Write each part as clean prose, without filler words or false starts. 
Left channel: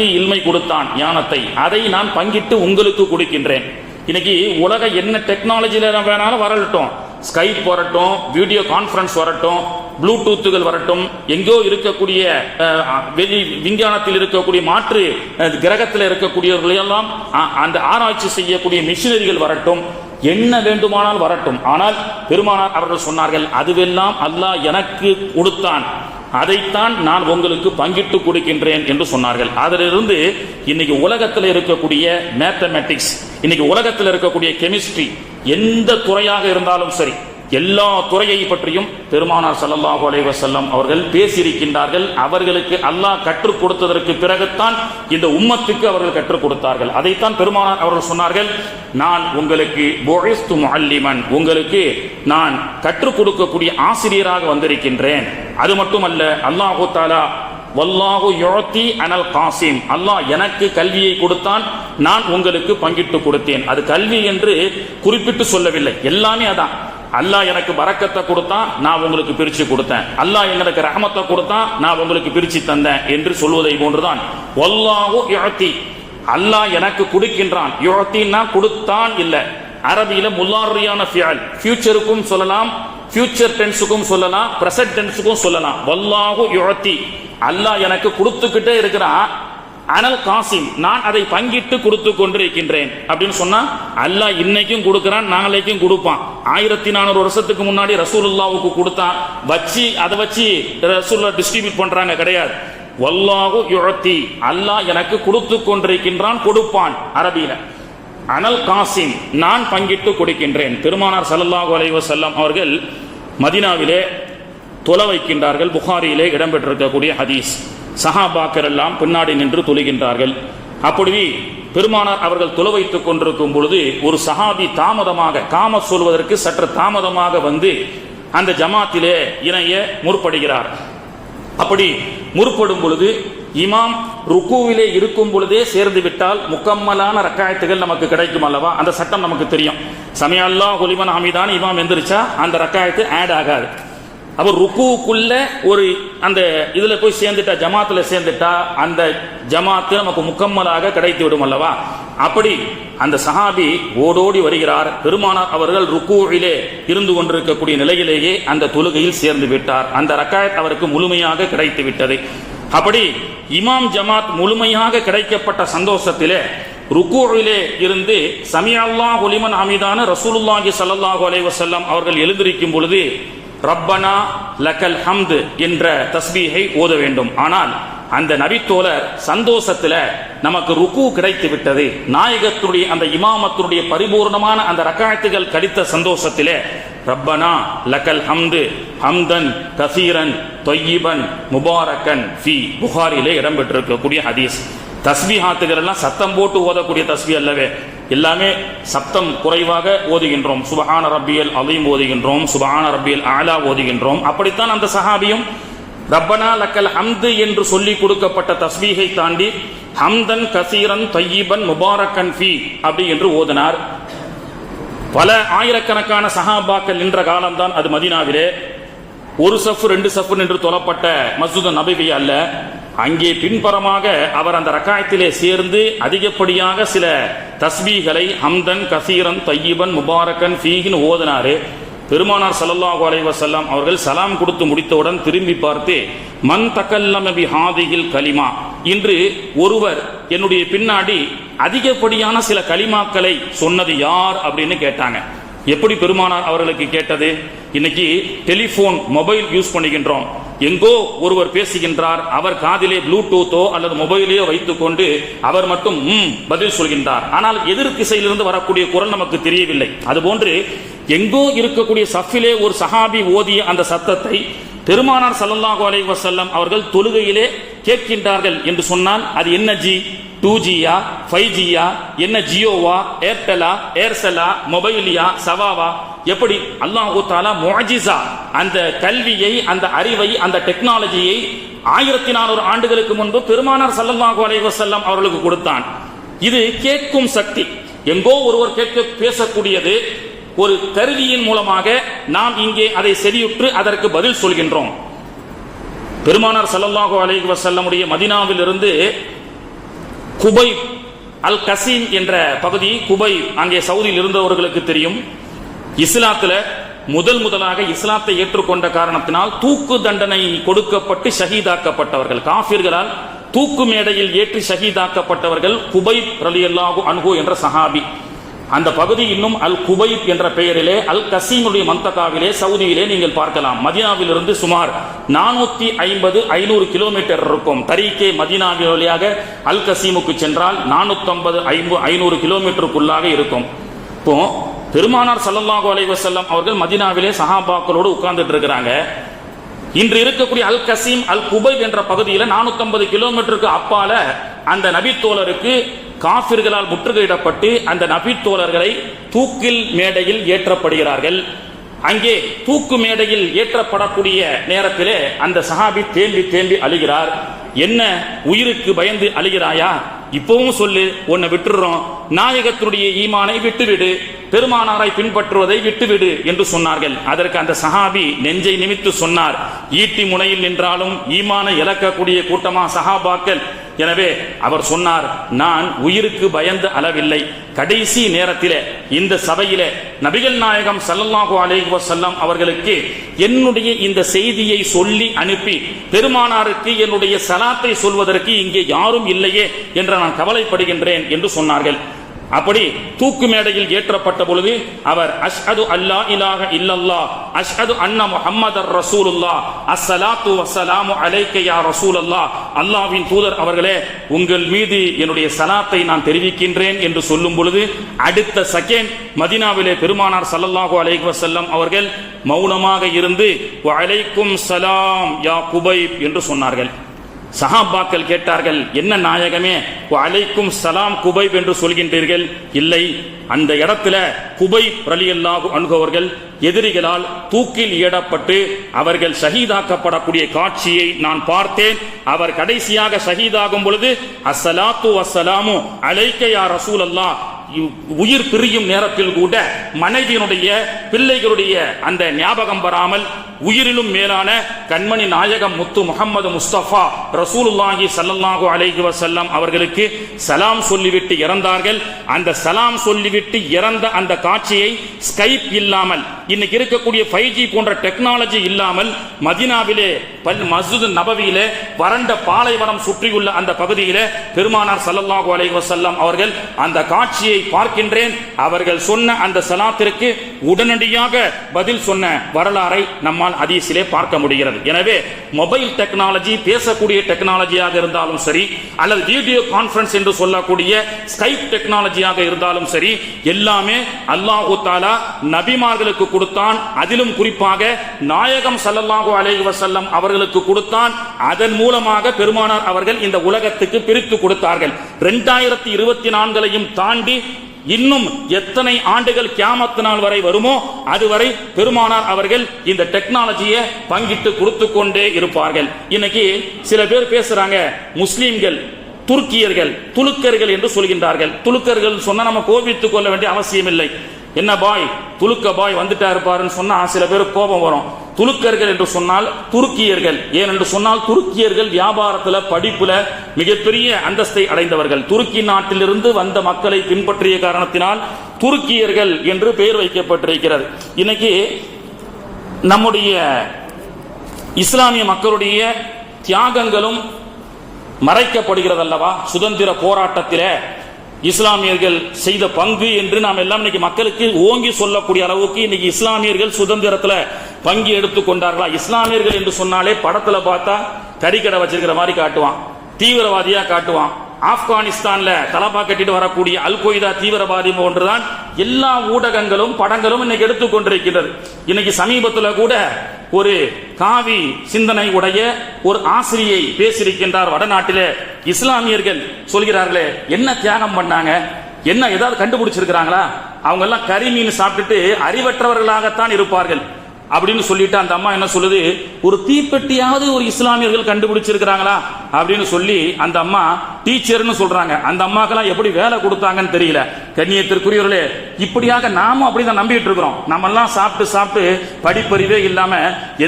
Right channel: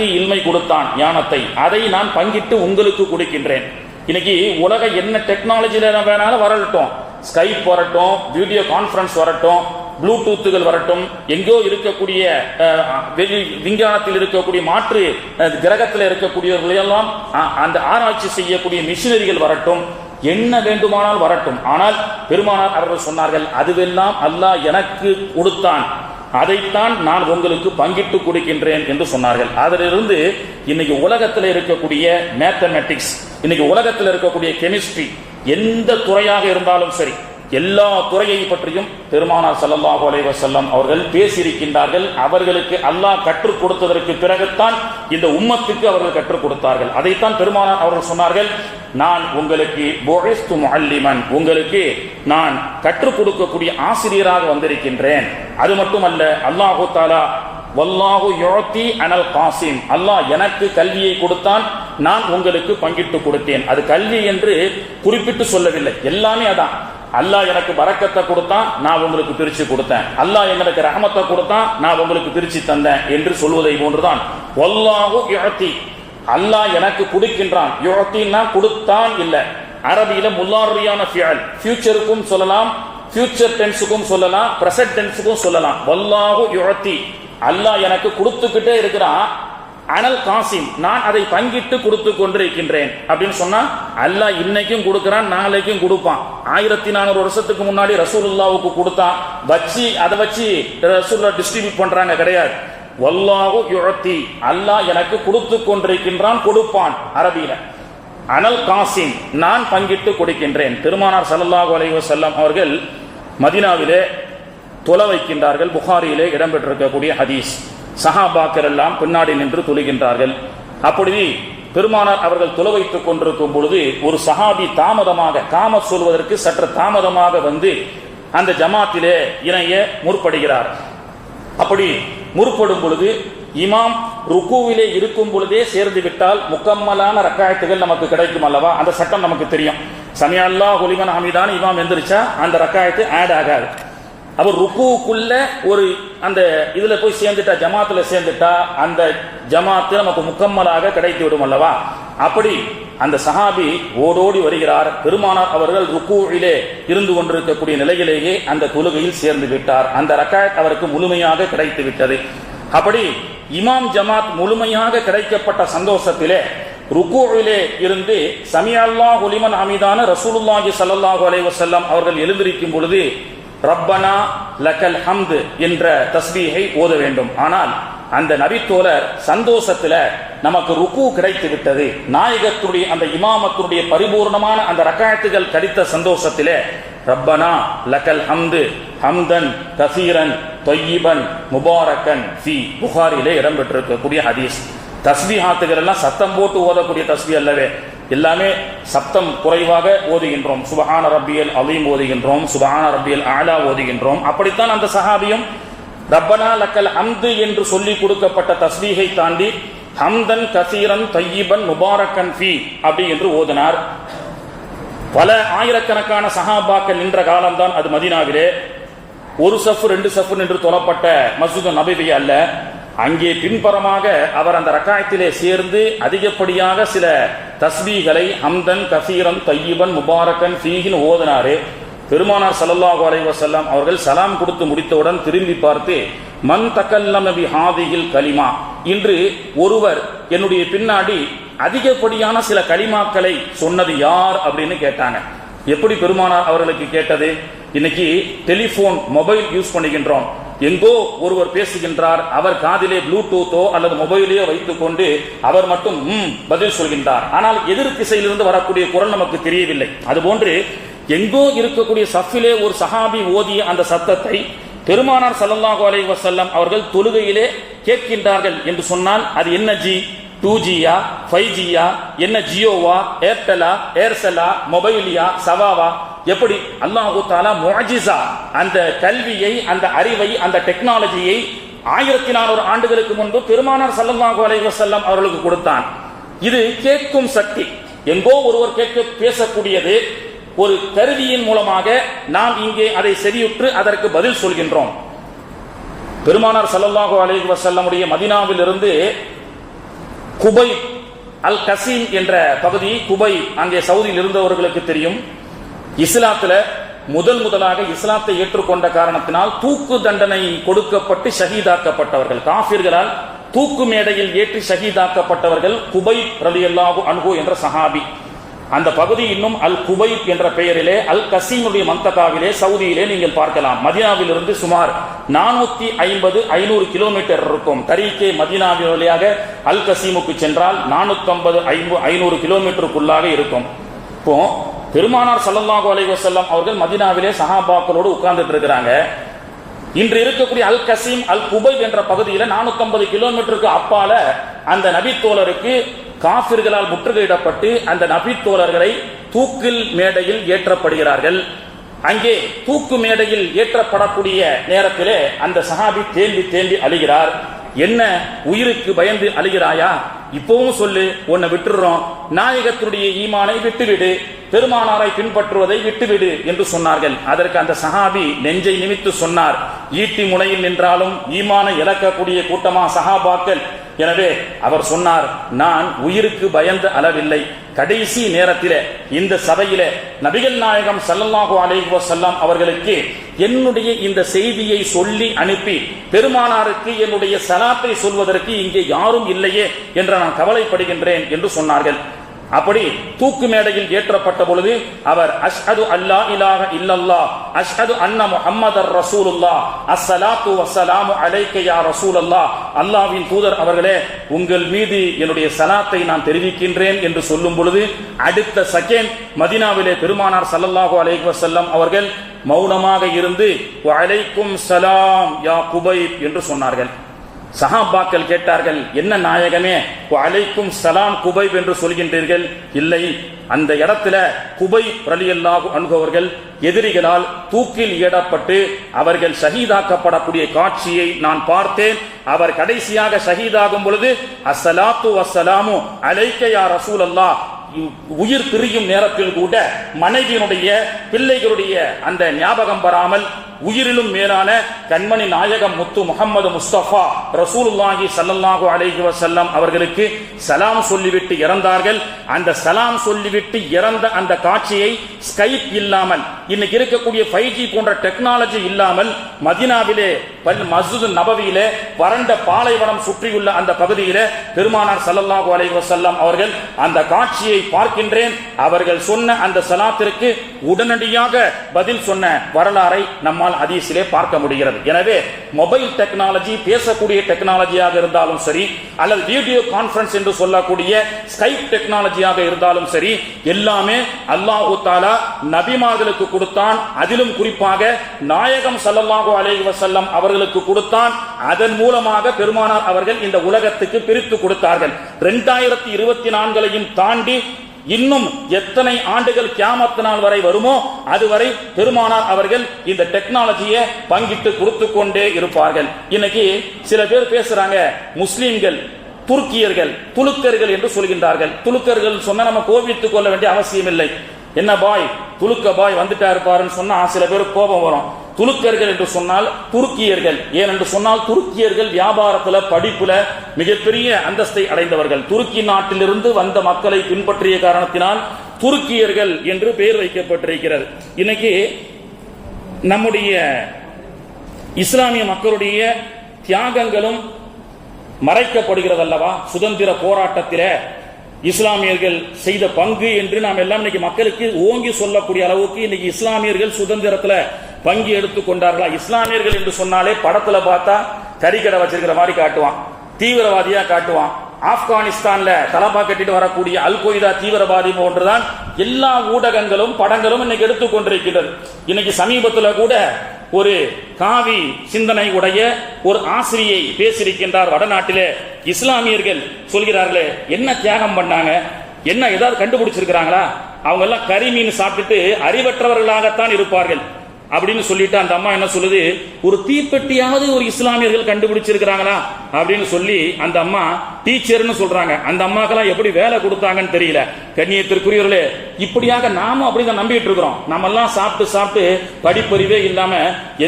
எனக்கு இல்மை கொடுத்தான், ஞானத்தை, அதை நான் பங்கிட்டு உங்களுக்கு கொடுக்கின்றேன். இன்னைக்கு உலக என்ன டெக்னாலஜில வேணாலும் வரட்டும், ஸ்கைப் வரட்டும், வீடியோ கான்பரன்ஸ் வரட்டும், ப்ளூடூத்துகள் வரட்டும், எங்கோ இருக்கக்கூடிய விஞ்ஞானத்தில் இருக்கக்கூடிய மாற்று கிரகத்தில் இருக்கக்கூடியவர்களெல்லாம் அந்த ஆராய்ச்சி செய்யக்கூடிய மிஷினரிகள் வரட்டும், என்ன வேண்டுமானால் வரட்டும். ஆனால் பெருமானார் அவர்கள் சொன்னார்கள், அதுவெல்லாம் அல்லாஹ் எனக்கு கொடுத்தான், அதைத்தான் நான் உங்களுக்கு பங்கிட்டு கொடுக்கின்றேன் என்று சொன்னார்கள். அதிலிருந்து இன்னைக்கு உலகத்தில் இருக்கக்கூடிய மேத்தமெட்டிக்ஸ், இன்னைக்கு உலகத்தில் இருக்கக்கூடிய கெமிஸ்ட்ரி, எந்த துறையாக இருந்தாலும் சரி, எல்லா துறையை பற்றியும் பெருமானார் ஸல்லல்லாஹு அலைஹி வஸல்லம் அவர்கள் பேசியிருக்கின்றார்கள். அவர்களுக்கு அல்லாஹ் கற்றுக் கொடுத்ததற்கு பிறகுதான் இந்த உம்மத்துக்கு அவர்கள் கற்றுக் கொடுத்தார்கள். அதைத்தான் பெருமானார் அவர்கள் சொன்னார்கள், நான் உங்களுக்கு புஇஸ்து முஅல்லிமன், உங்களுக்கு நான் கற்றுக் கொடுக்கக்கூடிய ஆசிரியராக வந்திருக்கின்றேன். அது மட்டுமல்ல, அல்லாஹு தஆலா வல்லாஹு யுஅதி அனல் காசிம், அல்லாஹ் எனக்கு கல்வியை கொடுத்தான், நான் உங்களுக்கு பங்கிட்டு கொடுத்தேன். அது கல்வி என்று குறிப்பிட்டு சொல்லவில்லை, எல்லாமே அதான். அல்லாஹ் எனக்கு பரக்கத்தை கொடுத்தான், நான் உங்களுக்கு பிரிச்சு கொடுத்தேன். அல்லாஹ் எனக்கு ரஹமத்தை கொடுத்தான், நான் உங்களுக்கு பிரிச்சு தந்தேன் என்று சொல்வதை போன்றுதான் வல்லாஹு யுஅதி, அல்லாஹ் எனக்கு கொடுக்கின்றான். யுஅதினா கொடுத்தான் இல்ல, அரபியில முல்லாரியான ஃபியல், ஃபியூச்சருக்கும் சொல்லலாம், ஃபியூச்சர் டென்ஸுக்கும் சொல்லலாம், பிரசன்ட் டென்ஸுக்கும் சொல்லலாம். வல்லாஹு யுஅதி, அல்லாஹ் எனக்கு கொடுத்துக்கிட்டே இருக்கிறான். அனல் காசிம், நான் அதை பங்கிட்டு கொடுத்து கொண்டிருக்கின்றேன் அப்படின்னு சொன்னா, அல்லாஹ் இன்னைக்கும் கொடுக்கிறான், நாளைக்கும் கொடுப்பான். 1400 வருஷத்துக்கு முன்னாடி ரசூலுல்லாவுக்கு கொடுத்தான், வச்சு அதை வச்சு ரசூலுல்லாஹ் டிஸ்ட்ரிபியூட் பண்றாங்க கிடையாது. வல்லாஹு யுஅதி, அல்லாஹ் எனக்கு கொடுத்து கொண்டிருக்கின்றான், கொடுப்பான். அரபியில அனல் காசிம், நான் பங்கிட்டு கொடுக்கின்றேன். பெருமானார் ஸல்லல்லாஹு அலைஹி வஸல்லம் அவர்கள் மதீனாவிலே தொலை வைக்கின்றார்கள். புகாரியிலே இடம்பெற்றிருக்கக்கூடிய ஹதீஸ். சஹாபாக்கள் எல்லாம் பின்னாடி நின்று தொழுகின்றார்கள். அப்படி பெருமானார் அவர்கள் தொலை வைத்துக் கொண்டிருக்கும் பொழுது ஒரு சஹாபி தாமதமாக, காம சொல்வதற்கு சற்று தாமதமாக வந்து அந்த ஜமாத்திலே இணைய முற்படுகிறார். அப்படி முற்படும் பொழுது இமாம் ருக்குவிலே இருக்கும் பொழுதே சேர்ந்து விட்டால் முக்கம்மலான ரக்காயத்துகள் நமக்கு கிடைக்கும் அல்லவா, அந்த சட்டம் நமக்கு தெரியும். சமிஅ அல்லாஹு லிமன் ஹமிதான் இமாம் எந்திரிச்சா அந்த ரக்காயத்து ஆட் ஆகாது. அவர் ருக்குவுக்குள்ள ஒரு அந்த இதுல போய் சேர்ந்துட்டா, ஜமாத்துல சேர்ந்துட்டா அந்த ஜமாத்து நமக்கு முக்கம்மலாக கிடைத்து விடும் அல்லவா. அப்படி அந்த சஹாபி ஓடோடி வருகிறார். பெருமானார் அவர்கள் ருக்குவிலே இருந்து கொண்டிருக்கக்கூடிய நிலையிலேயே அந்த தொழுகையில் சேர்ந்து விட்டார். அந்த ரக்காயத் அவருக்கு முழுமையாக கிடைத்து விட்டது. அப்படி இமாம் ஜமாத் முழுமையாக கிடைக்கப்பட்ட சந்தோஷத்திலே ருக்குவிலே இருந்து சமிஅ அல்லாஹு லிமன் ஹமிதான ரசூலுல்லாஹி ஸல்லல்லாஹு அலைஹி வஸல்லம் அவர்கள் எழுந்திருக்கும் பொழுது ரப்பனா லக்கல் ஹம்து என்ற தஸ்பீஹை ஓத வேண்டும். ஆனால் அந்த நபித்தோழர் சந்தோஷத்துல நமக்கு ருக்கு கிடைத்து விட்டது, நாயகத்துடைய அந்த இமாமத்துடைய பரிபூர்ணமான அந்த ரக்காயத்துகள் கிடைத்த சந்தோஷத்திலே ரப்பனா லக்கல் ஹம்து ஹம்தன் கசீரன் தொய்யிபன் முபாரக்கன் ஃபீ, புகாரிலே இடம்பெற்றிருக்கக்கூடிய ஹதீஸ். தஸ்பீஹாத்துகள் எல்லாம் சத்தம் போட்டு ஓதக்கூடிய தஸ்பீஹ் அல்லவே, எல்லாமே சப்தம் குறைவாக ஓதுகின்றோம். சுபஹான ரப்பியல் அலீம் ஓதுகின்றோம், சுபஹான ரப்பியல் ஆலா ஓதுகின்றோம். அப்படித்தான் அந்த சஹாபியும் ரப்பனா லக்கல் ஹம்து என்று சொல்லி கொடுக்கப்பட்ட தஸ்பீஹை தாண்டி ஹம்தன் கசீரன் தொய்யிபன் முபாரக்கன் ஃபீ அப்படி என்று ஓதினார். பல ஆயிரக்கணக்கான சஹாபாக்கள் நின்ற காலம்தான் அது மதீனாவிலே. ஒரு சஃப் 2 சஃப் என்று தொழப்பட்ட மஸ்ஜித் நபவி அல்ல. அங்கே பின்புறமாக அவர் அந்த ரக்காயத்திலே சேர்ந்து அதிகப்படியாக சில தஸ்பீகளை ஹம்தன் கசீரன் தொய்யிபன் முபாரக்கன் ஃபீஹின் ஓதினாரு. பெருமானார் ஸல்லல்லாஹு அலைஹி வஸல்லம் அவர்கள் சலாம் கொடுத்து முடித்தவுடன் திரும்பி பார்த்து, மன் தகல்லம பி ஹாதிஹில் கலிமா, இன்று ஒருவர் என்னுடைய பின்னாடி அதிகப்படியான சில கலிமாக்களை சொன்னது யார் அப்படின்னு கேட்டாங்க. எப்படி பெருமானார் அவர்களுக்கு கேட்டது? இன்னைக்கு டெலிபோன் மொபைல் யூஸ் பண்ணுகின்றோம். எங்கோ ஒருவர் பேசுகின்றார், அவர் காதிலே ப்ளூடூத்தோ அல்லது மொபைலையோ வைத்துக் கொண்டு அவர் மட்டும் பதில் சொல்கின்றார். ஆனால் எதிர் திசையிலிருந்து வரக்கூடிய குரல் நமக்கு தெரியவில்லை. அதுபோன்று எங்கோ இருக்கக்கூடிய சஃபிலே ஒரு சஹாபி ஓதிய அந்த சத்தத்தை பெருமானார் ஸல்லல்லாஹு அலைஹி வஸல்லம் அவர்கள் தொழுகையிலே கேட்கின்றார்கள் என்று சொன்னால் அது என்ன ஜி? 2Gயா 5Gயா, என்ன ஜியோவா, ஏர்டெலா, ஏர்செலா, மொபைலியா, சவாவா? எப்படி? அல்லாஹு தஆலா முஅஜிஸா, அந்த கல்வியை, அந்த அறிவை, அந்த டெக்னாலஜியை 1400 ஆண்டுகளுக்கு முன்பு பெருமானார் ஸல்லல்லாஹு அலைஹி வஸல்லம் அவர்களுக்கு கொடுத்தான். இது கேட்கும் சக்தி. எங்கோ ஒருவர் கேட்க பேசக்கூடியது ஒரு கருவியின் மூலமாக நாம் இங்கே அதை செவியுற்று அதற்கு பதில் சொல்கின்றோம். பெருமானார் ஸல்லல்லாஹு அலைஹி வஸல்லம் உடைய மதீனாவில் இருந்து குபை அல் கசீம் என்ற பகுதி, குபை அங்கே சவுதியில் இருந்தவர்களுக்கு தெரியும். இஸ்லாத்துல முதலாக இஸ்லாத்தை ஏற்றுக்கொண்ட காரணத்தினால் தூக்கு தண்டனை கொடுக்கப்பட்டு ஷஹீதாக்கப்பட்டவர்கள், காஃபிர்களால் தூக்கு மேடையில் ஏற்றி ஷஹீதாக்கப்பட்டவர்கள் குபைப் ரலியல்லாஹு அன்ஹு என்ற சஹாபி. அந்த பகுதி இன்னும் அல் குபைப் என்ற பெயரிலே அல் கசீமுடைய மந்தகாவிலே சவுதியிலே நீங்கள் பார்க்கலாம். மதீனாவிலிருந்து சுமார் 450-500 கிலோமீட்டர் இருக்கும். தரீக்கே மதீனாவின் வழியாக அல் கசீமுக்கு சென்றால் 450-500 கிலோமீட்டருக்குள்ளாக இருக்கும். இப்போ பெருமானார் ஸல்லல்லாஹு அலைஹி வஸல்லம் அவர்கள் மதீனாவிலே சஹாபாக்களோடு உட்கார்ந்துட்டு இருக்கிறாங்க. இன்று இருக்கக்கூடிய அல் கசீம் அல் குபைப் என்ற பகுதியில் 450 கிலோமீட்டருக்கு அப்பால அந்த நபி தோழருக்கு காஃபிர்களால் முற்றுகையிடப்பட்டு அந்த நபி தோழர்களை தூக்கில் மேடையில் ஏற்றப்படுகிறார்கள். அங்கே தூக்கு மேடையில் ஏற்றப்படக்கூடிய நேரத்திலே அந்த சஹாபி தேம்பி அழுகிறார். என்ன, உயிருக்கு பயந்து அழுகிறாயா? இப்பவும் சொல்லு, உன்னை விட்டுறோம், நாயகத்தினுடைய ஈமானை விட்டுவிடு, பெருமானாரை பின்பற்றுவதை விட்டுவிடு என்று சொன்னார்கள். அதற்கு அந்த சஹாபி நெஞ்சை நிமித்து சொன்னார், ஈட்டி முனையில் நின்றாலும் ஈமானை இழக்கக்கூடிய கூட்டமா சஹாபாக்கள். எனவே அவர் சொன்னார், நான் உயிருக்கு பயந்து அளவில்லை. கடைசி நேரத்திலே இந்த சபையிலே நபிகள் நாயகம் ஸல்லல்லாஹு அலைஹி வஸல்லம் அவர்களுக்கு என்னுடைய இந்த செய்தியை சொல்லி அனுப்பி பெருமானாருக்கு என்னுடைய சலாத்தை சொல்வதற்கு இங்கே யாரும் இல்லையே என்ற நான் கவலைப்படுகின்றேன் என்று சொன்னார்கள். அப்படி தூக்கு மேடையில் ஏற்றப்பட்ட பொழுது அவர் அஷ்ஹது அல்லா இலாஹ இல்லல்லாஹ் அஷ்ஹது அன்ன முஹம்மதர் ரசூலுல்லாஹ் அஸ்ஸலாத்து வஸ்ஸலாமு அலைக்க யா ரசூலல்லாஹ், அல்லாஹ்வின் தூதர் அவர்களே, உங்கள் மீது என்னுடைய சலாத்தை நான் தெரிவிக்கின்றேன் என்று சொல்லும் பொழுது அடுத்த செகண்ட் மதீனாவிலே பெருமானார் ஸல்லல்லாஹு அலைஹி வஸல்லம் அவர்கள் மௌனமாக இருந்து வ அலைக்கும் ஸலாம் யா குபைப் என்று சொன்னார்கள். சஹாபாக்கள் கேட்டார்கள், என்ன நாயகமே, அலைக்கும் சலாம் குபைப் என்று சொல்கின்றீர்கள்? இல்லை, அந்த இடத்துல குபைப் ரலியல்லாஹு அன்ஹு அவர்கள் எதிரிகளால் தூக்கில் ஏடப்பட்டு அவர்கள் ஷஹீதாக்கப்படக்கூடிய காட்சியை நான் பார்த்தேன். அவர் கடைசியாக ஷஹீதாகும் பொழுது அஸ்ஸலாத்து வஸ்ஸலாமு அலைக்க யா ரசூலல்லாஹ், உயிர் பிரியும் நேரத்தில் கூட மனைவியினுடைய பிள்ளைகளுடைய அந்த ஞாபகம் வராமல் உயிரிலும் மேலான கண்மணி நாயகம் முத்து முஹம்மது முஸ்தபா ரசூலுல்லாஹி ஸல்லல்லாஹு அலைஹி வஸல்லம் அவர்களுக்கு சலாம் சொல்லிவிட்டு இறந்தார்கள். அந்த சலாம் சொல்லிவிட்டு இறந்த அந்த காட்சியை ஸ்கைப் இல்லாமல், இன்னைக்கு இருக்கக்கூடிய 5G போன்ற டெக்னாலஜி இல்லாமல் மதீனாவிலே மஸ்ஜித் நபவியிலே வறண்ட பாலைவனம் சுற்றியுள்ள அந்த பகுதியிலே பெருமானார் ஸல்லல்லாஹு அலைஹி வஸல்லம் அவர்கள் அந்த காட்சியை பார்க்கின்றேன். அவர்கள் சொன்ன அந்த சலாத்திற்கு உடனடியாக பதில் சொன்ன வரலாறை நம்மால் ஹதீஸிலே பார்க்க முடிகிறது. எனவே மொபைல் டெக்னாலஜி, பேசக்கூடிய டெக்னாலஜியாக இருந்தாலும் சரி, அல்லது வீடியோ கான்பரன்ஸ் என்று சொல்லக்கூடிய ஸ்கைப் டெக்னாலஜியாக இருந்தாலும் சரி, எல்லாமே அல்லாஹ் தஆலா நபிமார்களுக்கு கொடுத்தான். அதிலும் குறிப்பாக நாயகம் ஸல்லல்லாஹு அலைஹி வஸல்லம் அவர்களுக்கு கொடுத்தான். அதன் மூலமாக பெருமானார் அவர்கள் இந்த உலகத்துக்கு பிரித்து கொடுத்தார்கள். 2024 தாண்டி இன்னும் எத்தனை ஆண்டுகள் கியாமத் நாள் வரை வருமோ அதுவரை பெருமானார் அவர்கள் இந்த டெக்னாலஜியை பங்கிட்டு கொடுத்து கொண்டே இருப்பார்கள். இன்னைக்கு சில பேர் பேசுறாங்க, முஸ்லிம்கள் துருக்கியர்கள் துலுக்கர்கள் என்று சொல்கின்றார்கள். துலுக்கர்கள் சொன்னா நம்ம கோபித்துக் கொள்ள வேண்டிய அவசியம் இல்லை. என்ன பாய், துலுக்க பாய் வந்துட்டா இருப்பாருன்னு சொன்னா சில பேருக்கு கோபம் வரும். துலுக்கர்கள் என்று சொன்னால் துருக்கியர்கள். ஏனென்று சொன்னால் துருக்கியர்கள் வியாபாரத்துல, படிப்புல மிகப்பெரிய அந்தஸ்தை அடைந்தவர்கள். துருக்கி நாட்டிலிருந்து வந்த மக்களை பின்பற்றிய காரணத்தினால் துருக்கியர்கள் என்று பெயர் வைக்கப்பட்டிருக்கிறது. இன்னைக்கு நம்முடைய இஸ்லாமிய மக்களுடைய தியாகங்களும் மறைக்கப்படுகிறது அல்லவா? சுதந்திர போராட்டத்திலே இஸ்லாமியர்கள் செய்த பங்கு என்று நாம் எல்லாம் இன்னைக்கு மக்களுக்கு ஓங்கி சொல்லக்கூடிய அளவுக்கு இன்னைக்கு இஸ்லாமியர்கள் சுதந்திரத்துல பங்கு எடுத்துக் கொண்டார்களா? இஸ்லாமியர்கள் என்று சொன்னாலே படத்துல பார்த்தா கறிக்கடை வச்சிருக்கிற மாதிரி காட்டுவான், தீவிரவாதியா காட்டுவான். ஆப்கானிஸ்தான்ல தலப்பா கட்டிட்டு வரக்கூடிய அல் கொய்தா தீவிரவாதி போன்றுதான் எல்லா ஊடகங்களும் படங்களும் இன்னைக்கு எடுத்துக்கொண்டிருக்கிறது. இன்னைக்கு சமீபத்தில் கூட ஒரு காவி சிந்தனை உடைய ஒரு ஆசிரியை பேசியிருக்கின்றார். வடநாட்டிலே இஸ்லாமியர்கள் சொல்கிறார்களே, என்ன தியாகம் பண்ணாங்க, என்ன ஏதாவது கண்டுபிடிச்சிருக்கிறாங்களா? அவங்க எல்லாம் கறி மீன் சாப்பிட்டுட்டு அறிவற்றவர்களாகத்தான் இருப்பார்கள் அப்படின்னு சொல்லிட்டு அந்த அம்மா என்ன சொல்லுது, ஒரு தீப்பெட்டியாவது ஒரு இஸ்லாமியர்கள் கண்டுபிடிச்சிருக்கிறாங்களா அப்படின்னு சொல்லி அந்த அம்மா டீச்சர்னு சொல்றாங்க. அந்த அம்மாக்கெல்லாம் எப்படி வேலை கொடுத்தாங்கன்னு தெரியல. கண்ணியத்திற்குரியவர்களே, இப்படியாக நாமும் அப்படிதான் நம்பிட்டு இருக்கிறோம். நம்ம எல்லாம் சாப்பிட்டு சாப்பிட்டு படிப்பறிவே இல்லாம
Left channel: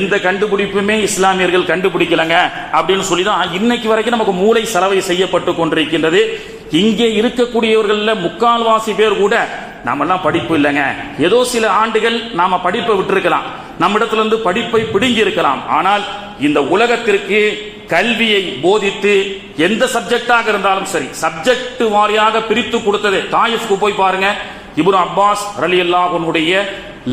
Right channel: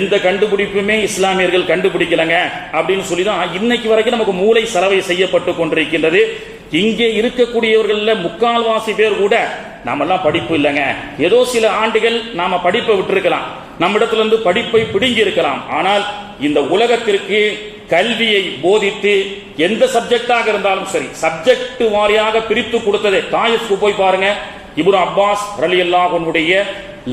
எந்த கண்டுபிடிப்புமே இஸ்லாமியர்கள் கண்டுபிடிக்கலங்க அப்படின்னு சொல்லிதான் இன்னைக்கு வரைக்கும் நமக்கு மூளை சலவை செய்யப்பட்டு கொண்டிருக்கின்றது. இங்கே இருக்கக்கூடியவர்கள முக்கால்வாசி பேர் கூட நாமெல்லாம் படிப்பு இல்லைங்க, ஏதோ சில ஆண்டுகள் நாம படிப்பை விட்டிருக்கலாம், நம்மிடத்துல இருந்து படிப்பை பிடுங்கி இருக்கலாம். ஆனால் இந்த உலகத்திற்கு கல்வியை போதித்து எந்த சப்ஜெக்டாக இருந்தாலும் சரி சப்ஜெக்ட் வாரியாக பிரித்து கொடுத்ததே. தாயிஃப்க்கு போய் பாருங்க, இப்னு அப்பாஸ் ரலியல்லாஹு அன்ஹுடைய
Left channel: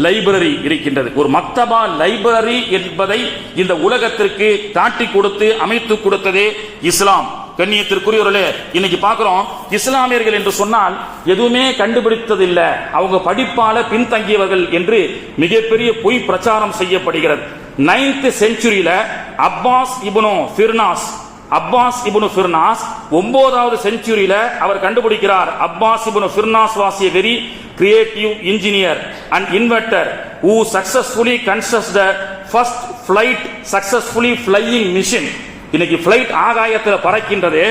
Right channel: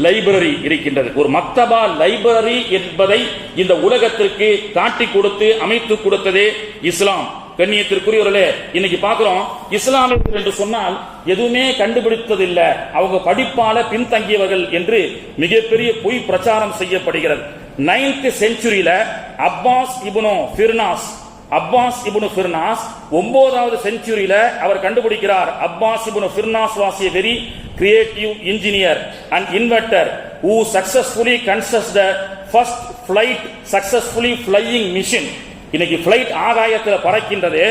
லைப்ரரி இருக்கின்றது. ஒரு மக்தபா லைப்ரரி என்பதை இந்த உலகத்திற்கு காட்டி கொடுத்து அமைத்து கொடுத்ததே இஸ்லாம். கண்ணியத்திற்குரியவர்களே, இன்னைக்கு பார்க்கிறோம் இஸ்லாமியர்கள் என்று சொன்னால் எதுவுமே கண்டுபிடித்ததில்லை, அவங்க படிப்பால பின்தங்கியவர்கள் என்று மிகப்பெரிய பொய் பிரச்சாரம் செய்யப்படுகிறது. 9th செஞ்சுரியில அப்பாஸ் இப்னு ஃபிர்னாஸ் 9வது செஞ்சுரியில அவர் கண்டுபிடிக்கிறார். Abbas ibn Firnas was a very creative engineer and inventor who successfully constructed the first flight successfully flying machine. இன்னைக்கு பிளைட் ஆகாயத்தில் பறக்கின்றது.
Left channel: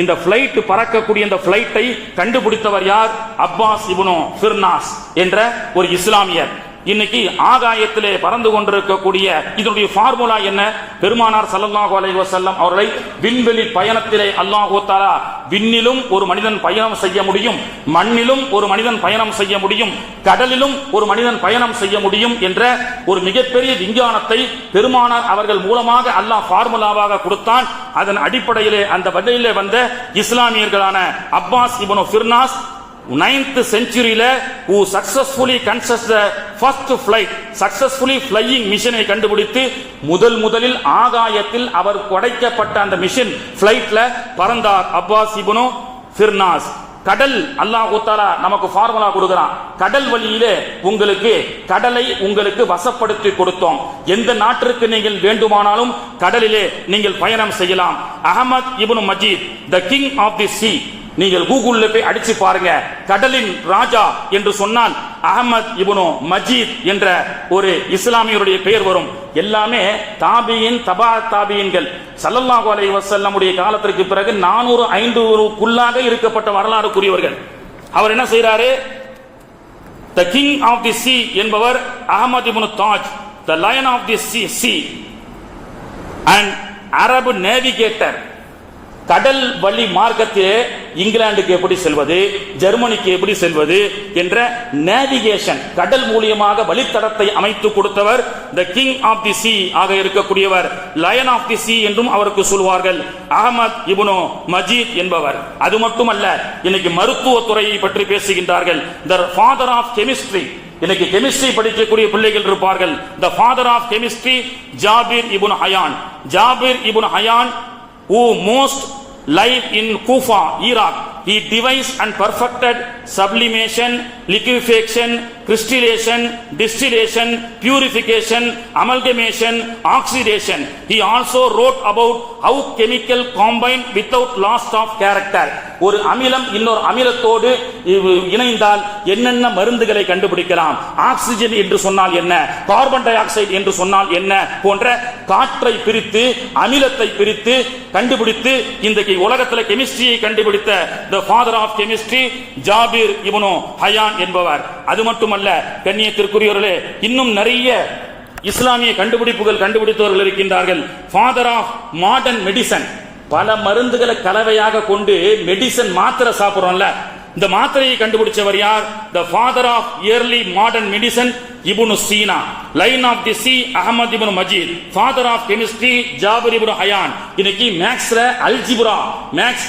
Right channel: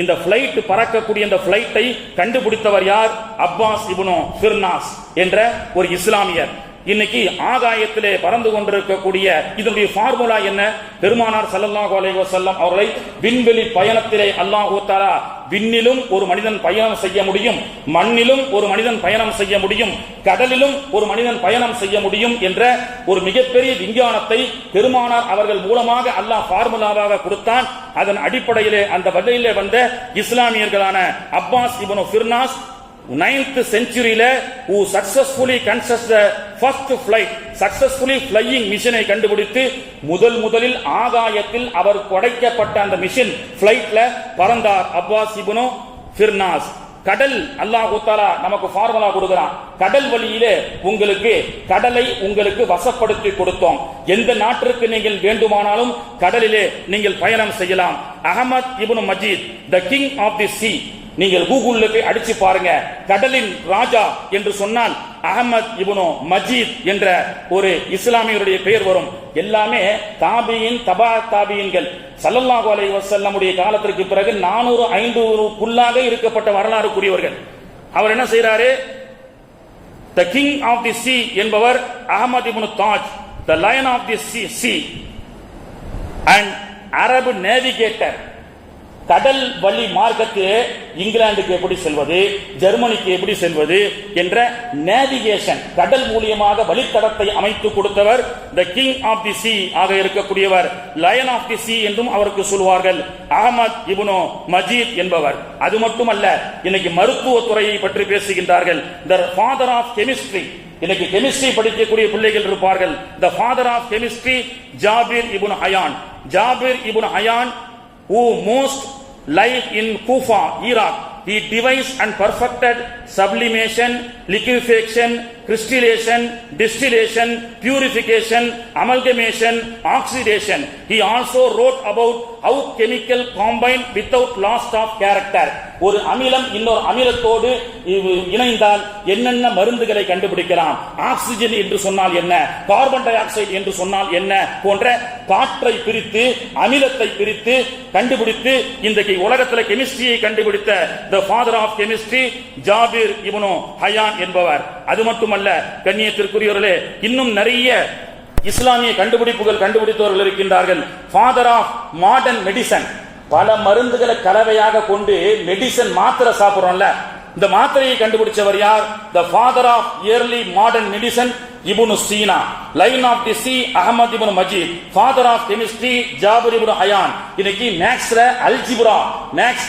இந்த பிளைட் பறக்கக்கூடிய இந்த பிளைட்டை கண்டுபிடித்தவர் யார்? அப்பாஸ் இப்னு ஃபிர்னாஸ் என்ற ஒரு இஸ்லாமியர். இன்னைக்கு ஆகாயத்திலே பறந்து கொண்டிருக்கக்கூடிய இதனுடைய ஃபார்முலா என்ன? பெருமானார் ஸல்லல்லாஹு அலைஹி வஸல்லம் அவர்களை விண்வெளி பயணத்திலே அல்லாஹ் தஆலா விண்ணிலும் ஒரு மனிதன் பயணம் செய்ய முடியும், மண்ணிலும் ஒரு மனிதன் பயணம் செய்ய முடியும், கடலிலும் ஒரு மனிதன் பயணம் செய்ய முடியும் என்ற ஒரு மிகப்பெரிய விஞ்ஞானத்தை பெருமானார் அவர்கள் மூலமாக அல்லாஹ் ஃபார்முலாவாக கொடுத்தான். அதன் அடிப்படையிலே அந்த வகையிலே வந்த இஸ்லாமியர்களான அப்பாஸ் இப்னு ஃபிர்னாஸ் 9th செஞ்சுரியில who successfully constructed the first flight successfully flying மிஷனை கண்டுபிடித்து முதலில் ஆகாயத்தில் அவர் படைக்கப்பட்ட அந்த மிஷன் பிளைட்ல பறந்தார் அப்பாஸ் இப்னு ஃபிர்னாஸ். கடல் அல்லாஹ் தஆலா நமக்கு ஃபார்முலா கொடுக்கிறான். கடல் வழியிலே கடலை உங்களுக்கு வசப்படுத்தி கொடுத்தோம். எந்த நாட்டிற்கு நீங்கள் வேண்டுமானாலும் கடலிலே நீங்கள் பயணம் செய்யலாம். Ahmad ibn Majid the king of the sea, நீங்கள் கூகுள்ல போய் அடிச்சு பாருங்க, கடலின் ராஜா என்று சொன்னால் அஹமத் இப்னு மஜீத் என்ற ஒரு இஸ்லாமியருடைய பெயர் வரும். எல்லாமே தாபியின் தபா தாபியின்கள். ஸல்லல்லாஹு அலைஹி வஸல்லமுடைய காலத்திற்கு பிறகு 400-500க்குள்ளாக இருக்கப்பட்ட வரலாறுக்குரியவர்கள். அவர் என்ன செய்யறாரு? த கிங் ஆஃப் தி சீ என்பவர் Ahmad ibn Taj, the lion of the sea and அரபு நேவிகேட்டர். கடல் வழி மார்க்கத்திலே இங்கிலாந்துக்கு எப்படி செல்வது, ஜெர்மனிக்கு எப்படி செல்வது என்ற நேவிகேஷன் கடல் மூலியமாக வழித்தடத்தை அமைத்து கொடுத்தவர் த கிங் ஆஃப் தி சீ ஆக இருக்கக்கூடியவர். லயன் ஆஃப் தி சீ என்றும் அவருக்கு சொல்வார்கள் அஹமத் இப்னு மஜீத் என்பவர். அது மட்டுமல்ல, இன்னைக்கு மருத்துவத்துறையை பற்றி பேசுகின்றார்கள். The father of chemistry. இன்னைக்கு கெமிஸ்ட்ரி படிக்கக்கூடிய பிள்ளைகள் இருப்பார்கள். The father of chemistry Jabir ibn Hayyan who most live in Kufa, Iraq. He devised and perfected sublimation, liquefaction, crystallization, distillation, purification, amalgamation, oxidation. He also wrote about how chemical combine without loss of character. ஒரு அமிலம் இன்னொரு அமிலத்தோடு இணைந்தால் என்னென்ன மருந்துகளை கண்டுபிடிக்கலாம், oxygen என்று சொன்னால் என்ன, கார்பன் டை ஆக்சைடு என்று சொன்னால் என்ன போன்ற காற்றை பிரித்து அமிலத்தை பிரித்து கண்டுபிடித்து இன்றைக்கு உலகத்தில் கெமிஸ்ட்ரியை கண்டுபிடித்த the father of chemistry Jabir ibn Hayyan என்பவர். அது மட்டுமல்ல கண்ணியத்திற்குரியவர்களே, இன்னும் நிறைய இஸ்லாமிய கண்டுபிடித்தவர்கள் இருக்கின்றார்கள். Father of modern medicine. பல மருந்துகளை கலவையாக கொண்டு மெடிசன் மாத்திரை சாப்பிடுறோம்ல, இந்த மாத்திரையை கண்டுபிடிச்சவர் யார்? The father of early modern medicine ibn Sina. Line of the sea Ahmad ibn Majid. Father of chemistry Jabir ibn Hayyan. இன்னைக்கு மேக்ஸ்ல அல்ஜிப்ரா,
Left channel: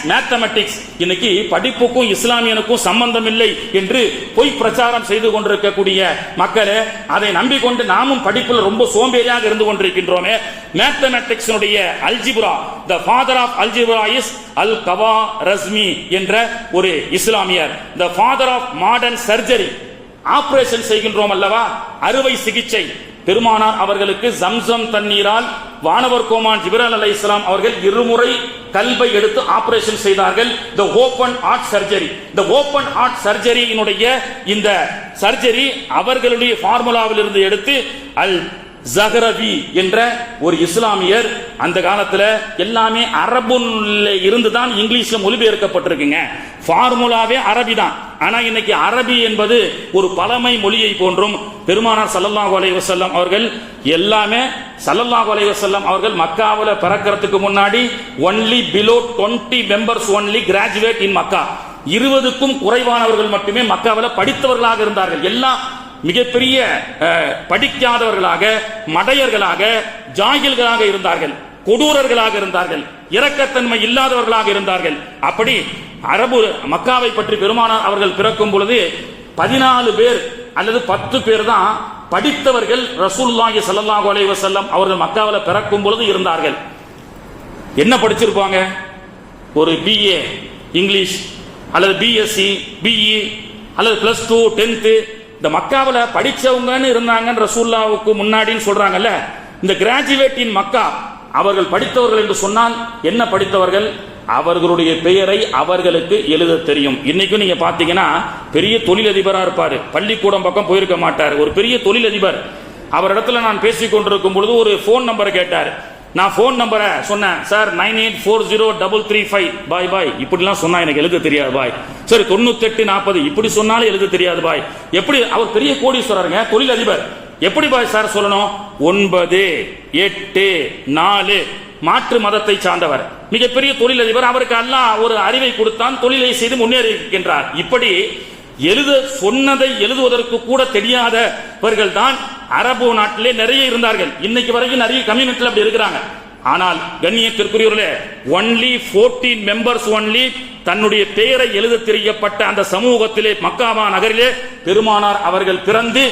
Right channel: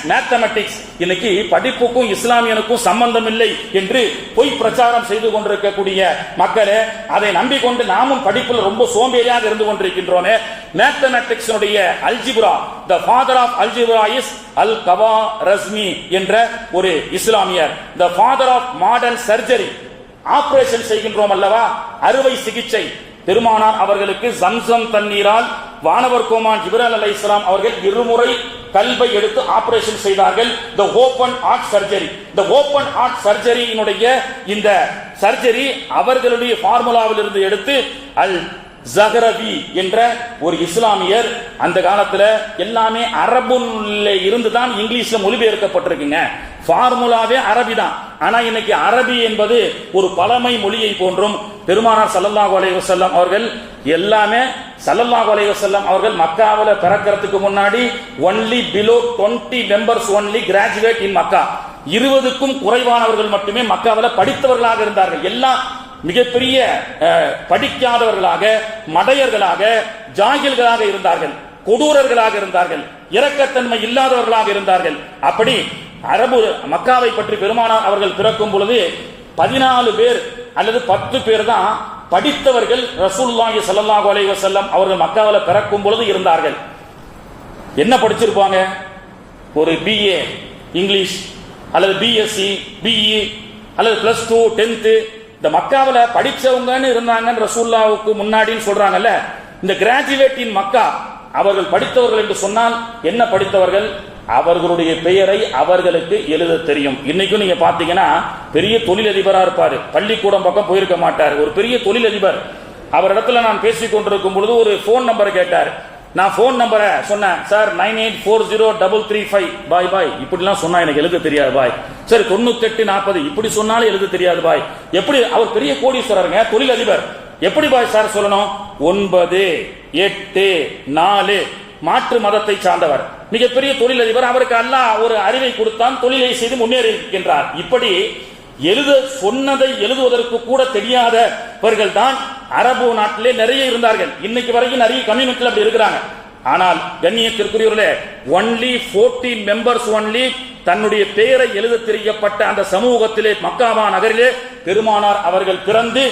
மேத்தமெட்டிக்ஸ். இன்னைக்கு படிப்புக்கும் இஸ்லாமியனுக்கும் சம்பந்தம் இல்லை என்று பொய் பிரச்சாரம் செய்து கொண்டிருக்கக்கூடிய மக்களே, அதை நம்பிக்கொண்டு நாமும் படிப்பில் ரொம்ப சோம்பேறியாக இருந்து கொண்டிருக்கின்றோமே. Mathematics algebra, the father of algebra is al Khwarizmi என்ற ஒரு இஸ்லாமியர். The father of modern surgery. Operation செய்கின்றோம் அல்லவா, அறுவை சிகிச்சை. பெருமானார் அவர்களுக்கு ஜம்சம் தண்ணீரால் வானவர் கோமான் ஜிப்ரீல் அலைஹிஸ்ஸலாம் அவர்கள் இருமுறை கல்வை எடுத்து ஆபரேஷன் செய்தார்கள். தி ஓபன் ஹார்ட் சர்ஜரி. தி ஓபன் ஹார்ட் சர்ஜரியினுடைய இந்த சர்ஜரி அவர்களுடைய ஃபார்முலாவில் இருந்து எடுத்து அல் ஜஹரவி என்ற ஒரு இஸ்லாமியர். அந்த காலத்துல எல்லாமே அரபுல இருந்துதான் இங்கிலீஷ்ல மொழிபெயர்க்கப்பட்டிருக்குங்க. ஃபார்முலாவே அரபி தான். ஆனா இன்னைக்கு அரபி என்பது ஒரு பழமை மொழியை போன்றும் பெருமானார் ஸல்லல்லாஹு அலைஹி வஸல்லம் அவர்கள் எல்லாமே ஸல்லல்லாஹு அலைஹி வஸல்லம் அவர்கள் மக்காவில பிறக்கிறதுக்கு முன்னாடி only below 20 members only graduate in Makkah. 20க்கும் குறைவானவர்கள் மட்டுமே மக்காவில் படித்தவர்களாக இருந்தார்கள். எல்லாம் மிகப்பெரிய படிக்காதவர்களாக, மடையர்களாக, ஜாகில்களாக இருந்தார்கள், கொடூரர்களாக இருந்தார்கள், இரக்கத்தன்மை இல்லாதவர்களாக இருந்தார்கள். அப்படி அரபு மக்காவை பற்றி பெருமானார் அவர்கள் பிறக்கும் பொழுது 14 பேர் அல்லது 10 பேர் தான் படித்தவர்கள் ரசூலுல்லாஹி ஸல்லல்லாஹு அலைஹி வஸல்லம் அவர்கள் மக்காவில் பிறக்கும் பொழுது இருந்தார்கள். என்ன படிச்சிருப்பாங்க? ஒரு BA இங்கிலீஷ் அல்லது BSc, BE அல்லது +2, 10th. இந்த மக்காவில் படிச்சவங்கன்னு இருந்தாங்க ரசூலுல்லாஹ்வுக்கு முன்னாடின்னு சொல்றாங்கல்ல. இந்த கிராஜுவேட் இன் மக்கா அவர்கள் படித்தவர்கள் என்று சொன்னால் என்ன படித்தவர்கள்? அவர்களுடைய பெயரை அவர்களுக்கு எழுத தெரியும். இன்னைக்கும் நீங்க பாத்தீங்கன்னா பெரிய தொழிலதிபரா இருப்பாரு, பள்ளிக்கூடம் பக்கம் போயிருக்க மாட்டார், ஒரு பெரிய தொழிலதிபர். அவரிடத்துல நான் பேசிக் கொண்டிருக்கும் பொழுது ஒரு போன் நம்பர் கேட்டார். நான் போன் நம்பரை சொன்னேன். சார் 98403335 பாய் பாய் இப்படிலாம் சொன்னா எனக்கு எழுத தெரியாது பாய். சரி 9840 இப்படி சொன்னாலும் எழுத தெரியாது பாய். எப்படி? அவர் பெரிய கோடீஸ்வரருங்க, தொழிலதிபர். எப்படி பாய் சார் சொல்லணும்? 984 மாற்று மதத்தை சார்ந்தவர், மிகப்பெரிய தொழிலதிபர். அவருக்கு அல்லாஹ் ஒரு அறிவை கொடுத்தான், தொழிலை செய்து முன்னேறி இருக்கின்றார். இப்படி எழுத சொன்னதை எழுதுவதற்கு கூட தெரியாதவர்கள் தான் அரபு நாட்டிலே நிறைய இருந்தார்கள். இன்னைக்கு வரைக்கும் நிறைய கம்யூனிட்டியில் அப்படி இருக்கிறாங்க. ஆனால் கண்ணியத்திற்குரியவர்களே, ஒன்லி 14 மெம்பர்ஸ் ஒன்லி தன்னுடைய பெயரை எழுத தெரியப்பட்ட அந்த சமூகத்திலே, மக்காவா நகரிலே பெருமானார் அவர்கள் பிறந்து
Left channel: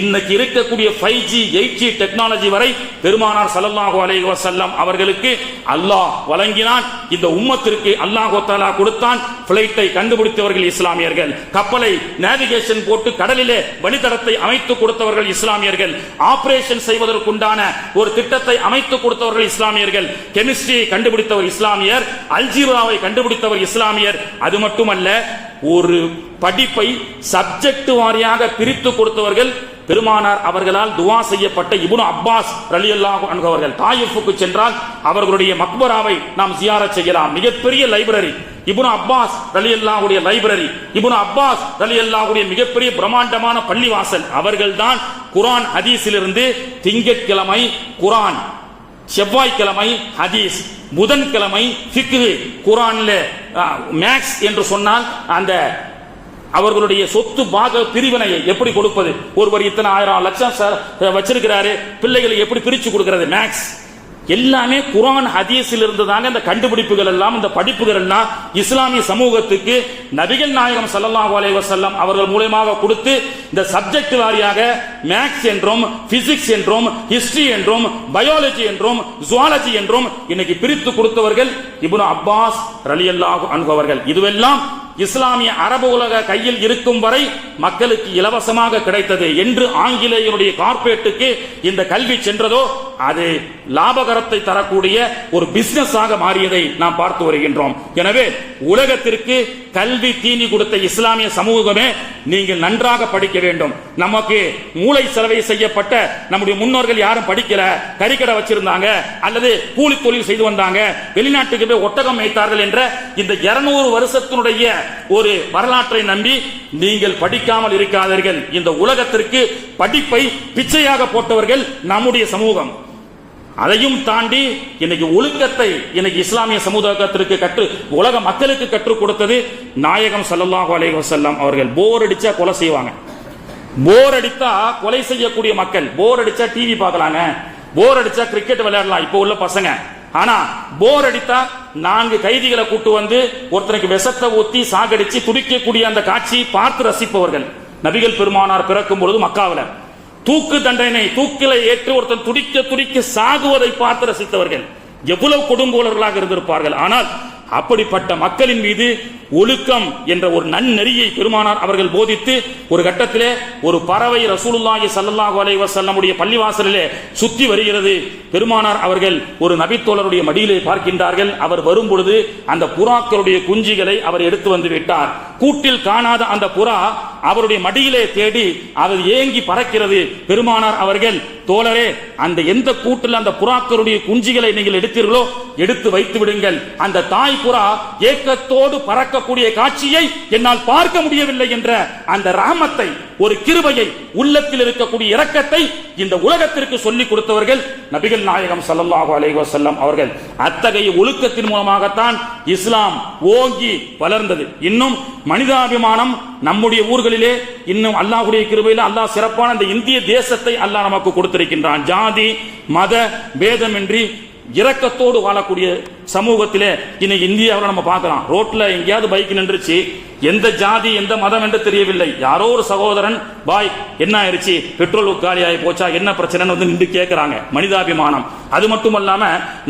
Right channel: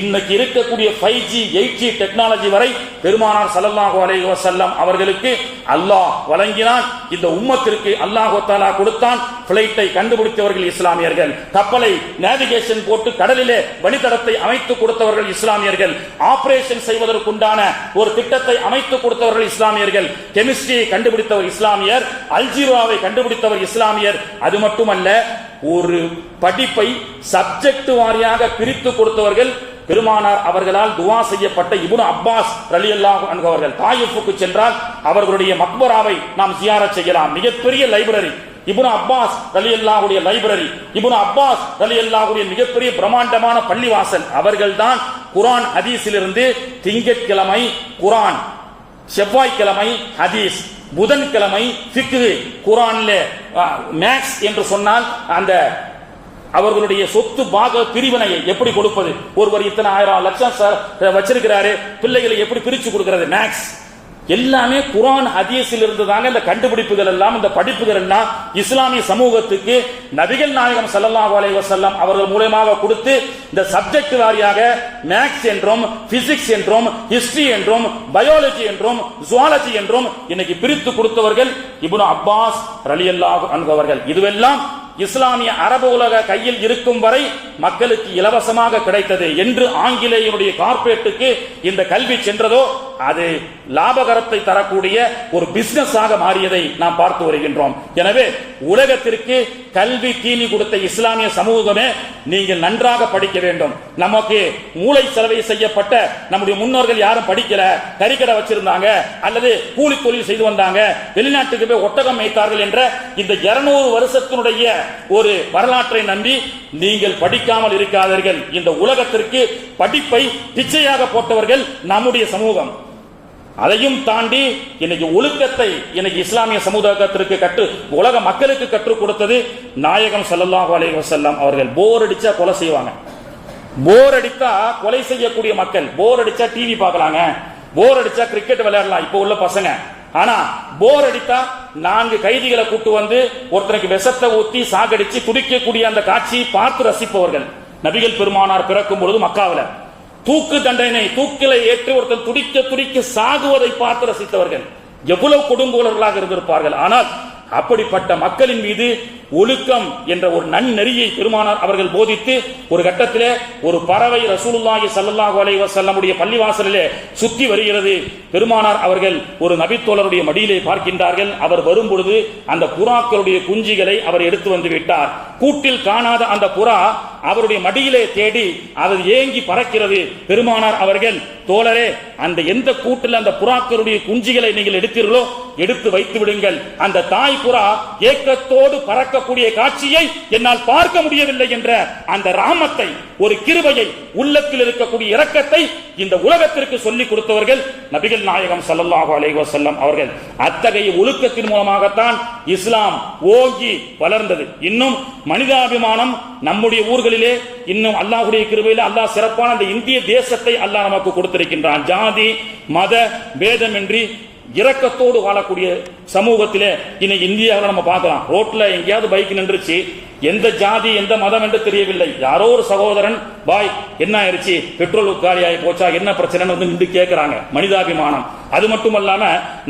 இன்னைக்கு இருக்கக்கூடிய 5G 8G டெக்னாலஜி வரை பெருமானார் ஸல்லல்லாஹு அலைஹி வஸல்லம் அவர்களுக்கு அல்லாஹ் வழங்கினான். இந்த உம்மத்திற்கு அல்லாஹ் தஆலா கொடுத்தான். பிளைட்டை கண்டுபிடித்தவர்கள் இஸ்லாமியர்கள், கப்பலை நேவிகேஷன் போட்டு கடலிலே வழித்தடத்தை அமைத்து கொடுத்தவர்கள் இஸ்லாமியர்கள், ஆபரேஷன் செய்வதற்குண்டான ஒரு திட்டத்தை அமைத்து கொடுத்தவர்கள் இஸ்லாமியர்கள், கெமிஸ்ட்ரியை கண்டுபிடித்தவர் இஸ்லாமியர், அல்ஜீராவை கண்டுபிடித்தவர் இஸ்லாமியர். அது மட்டுமல்ல, ஒரு படிப்பை சப்ஜெக்ட் வாரியாக பிரித்து கொடுத்தவர்கள் பெருமானார் அவர்களால் துவா செய்யப்பட்ட இப்னு அப்பாஸ் ரலியல்லாஹு அன்ஹு அவர்கள். தாயிஃபுக்கு சென்றால் அவர்களுடைய மக்பராவை நாம் ஜியாரத் செய்யலாம். மிகப்பெரிய லைப்ரரி இப்னு அப்பாஸ் ரலியல்லாஹுடைய லைப்ரரி, இப்னு அப்பாஸ் ரலியல்லாஹுடைய மிகப்பெரிய பிரம்மாண்டமான பள்ளிவாசல். அவர்கள்தான் குர்ஆன் ஹதீஸிலிருந்து திங்கட்கிழமை குர்ஆன், செவ்வாய்க்கிழமை ஹதீஸ், புதன்கிழமை ஃபிக்ஹ், குர்ஆன்ல மேக்ஸ் என்று சொன்னால் அந்த அவர்களுடைய சொத்து பாக பிரிவினையை எப்படி கொடுப்பது, ஒருவர் இத்தனை 1000 லட்சம் வச்சிருக்கிறாரு, பிள்ளைகளை எப்படி பிரிச்சு கொடுக்கிறது, மேக்ஸ் எல்லாமே குர்ஆன் ஹதீஸில் இருந்து தாங்க. இந்த கண்டுபிடிப்புகள் எல்லாம், இந்த படிப்புகள் எல்லாம் இஸ்லாமிய சமூகத்துக்கு நபிகள் நாயகம் ஸல்லல்லாஹு அலைஹி வஸல்லம் அவர்கள் மூலமாக கொடுத்து இந்த சப்ஜெக்ட் வாரியாக மேக்ஸ் என்றும், பிசிக்ஸ் என்றும், ஹிஸ்டரி என்றும், பயாலஜி என்றும், ஜுவாலஜி என்றும் இன்னைக்கு பிரித்து கொடுத்தவர்கள் இப்னு அப்பாஸ் ரலியல்லாஹு அன்ஹு அவர்கள். இதுவெல்லாம் இஸ்லாமிய அரபு உலக கையில் இருக்கும் வரை மக்களுக்கு இலவசமாக கிடைத்தது. என்று ஆங்கிலேயனுடைய கார்ப்பரேட்டுக்கு இந்த கல்வி சென்றதோ அது லாபகரத்தை தரக்கூடிய ஒரு பிசினஸ் ஆக மாறியதை நாம் பார்த்து வருகின்றோம். எனவே உலகத்திற்கு கல்வி தீனி கொடுத்த இஸ்லாமிய சமூகமே நீங்கள் நன்றாக படிக்க வேண்டும். நமக்கு மூளை செலவை செய்யப்பட்ட நம்முடைய முன்னோர்கள் யாரும் படிக்கல, கறிக்கடை வச்சிருந்தாங்க அல்லது கூலி தொழில் செய்து வந்தாங்க, வெளிநாட்டுக்கு போய் ஒட்டகம் வைத்தார்கள் என்ற இந்த 200 வருஷத்தினுடைய ஒரு வரலாற்றை நம்பி நீங்கள் படிக்காமல் இருக்காதீர்கள். இந்த உலகத்திற்கு படிப்பை பிச்சையாக போட்டவர்கள் நம்முடைய சமூகம். அதையும் தாண்டி இன்னைக்கு ஒழுக்கத்தை இன்னைக்கு இஸ்லாமிய சமூகத்திற்கு உலக மக்களுக்கு கற்றுக் கொடுத்தது நாயகம் ஸல்லல்லாஹு அலைஹி வஸல்லம் அவர்கள். போர் அடிச்சா கொலை செய்வாங்க, போர் அடித்தா கொலை செய்யக்கூடிய மக்கள். போர் அடிச்சா டிவி பார்க்கலாங்க, போர் அடிச்சா கிரிக்கெட் விளையாடலாம் இப்ப உள்ள பசங்க. ஆனா போர் அடித்தா 4 கைதிகளை கூட்டு வந்து ஒருத்தருக்கு விஷத்தை ஊத்தி சாகடிச்சு துடிக்கக்கூடிய அந்த காட்சியை பார்த்து ரசிப்பவர்கள். நபிகள் பெருமானார் பிறக்கும் பொழுது மக்காவில் தூக்கு தண்டனை, தூக்கில ஏற்று ஒருத்தர் துடிக்க துடிக்க சாகுவதை பார்த்து ரசித்தவர்கள் எவ்வளவு கொடுங்கோலர்களாக இருந்திருப்பார்கள். ஆனால் அப்படிப்பட்ட மக்களின் மீது ஒழுக்கம் என்ற ஒரு நன்னெறியை பெருமானார் அவர்கள் போதித்து ஒரு கட்டத்திலே ஒரு பறவை ரசூலுல்லாஹி ஸல்லல்லாஹு அலைஹி வஸல்லமுடைய பள்ளிவாசலிலே சுற்றி வருகிறது. பெருமானார் அவர்கள் ஒரு நபித்தோழருடைய மடியிலே பார்க்கின்றார்கள். அவர் வரும்பொழுது அந்த புறாக்களுடைய குஞ்சுகளை அவர் எடுத்து வந்து விட்டார். கூட்டில் காணாத அந்த புறா அவருடைய மடியிலே தேடி அது ஏங்கி பறக்கிறது. பெருமானார் அவர்கள், தோழரே, அந்த எந்த கூட்டில் அந்த புறாக்களுடைய குஞ்சுகளை நீங்கள் எடுத்தீர்களோ எடுத்து வைத்து விடுங்கள். அந்த தாய் புறா ஏக்கத்தோடு பறக்க அடக்கப்படக்கூடிய காட்சியை என்னால் பார்க்க முடியவில்லை என்ற அந்த ரஹமத்தை, ஒரு கிருபையை, உள்ளத்தில் இருக்கக்கூடிய இரக்கத்தை இந்த உலகத்திற்கு சொல்லிக் கொடுத்தவர்கள் நபிகள் நாயகம் ஸல்லல்லாஹு அலைஹி வஸல்லம் அவர்கள். அத்தகைய ஒழுக்கத்தின் மூலமாகத்தான் இஸ்லாம் ஓங்கி வளர்ந்தது. இன்னும் மனிதாபிமானம் நம்முடைய ஊர்களிலே இன்னும் அல்லாஹ்வுடைய கிருபையில் அல்லாஹ் சிறப்பான இந்த இந்திய தேசத்தை அல்லாஹ் நமக்கு கொடுத்திருக்கின்றான். ஜாதி மத பேதமின்றி இரக்கத்தோடு வாழக்கூடிய சமூகத்திலே இன்னைக்கு இந்தியாவில் நம்ம பார்க்கலாம். ரோட்ல எங்கேயாவது பைக் நின்றுச்சு, எந்த ஜாதி எந்த மதம் என்று தெரியவில்லை, யாரோ ஒரு சகோதரன் பாய் என்ன ஆயிடுச்சு, பெட்ரோல் காலி ஆகி போச்சா, என்ன பிரச்சனைன்னு வந்து நின்று கேட்கிறாங்க. மனிதாபிமானம். அது மட்டுமல்லாம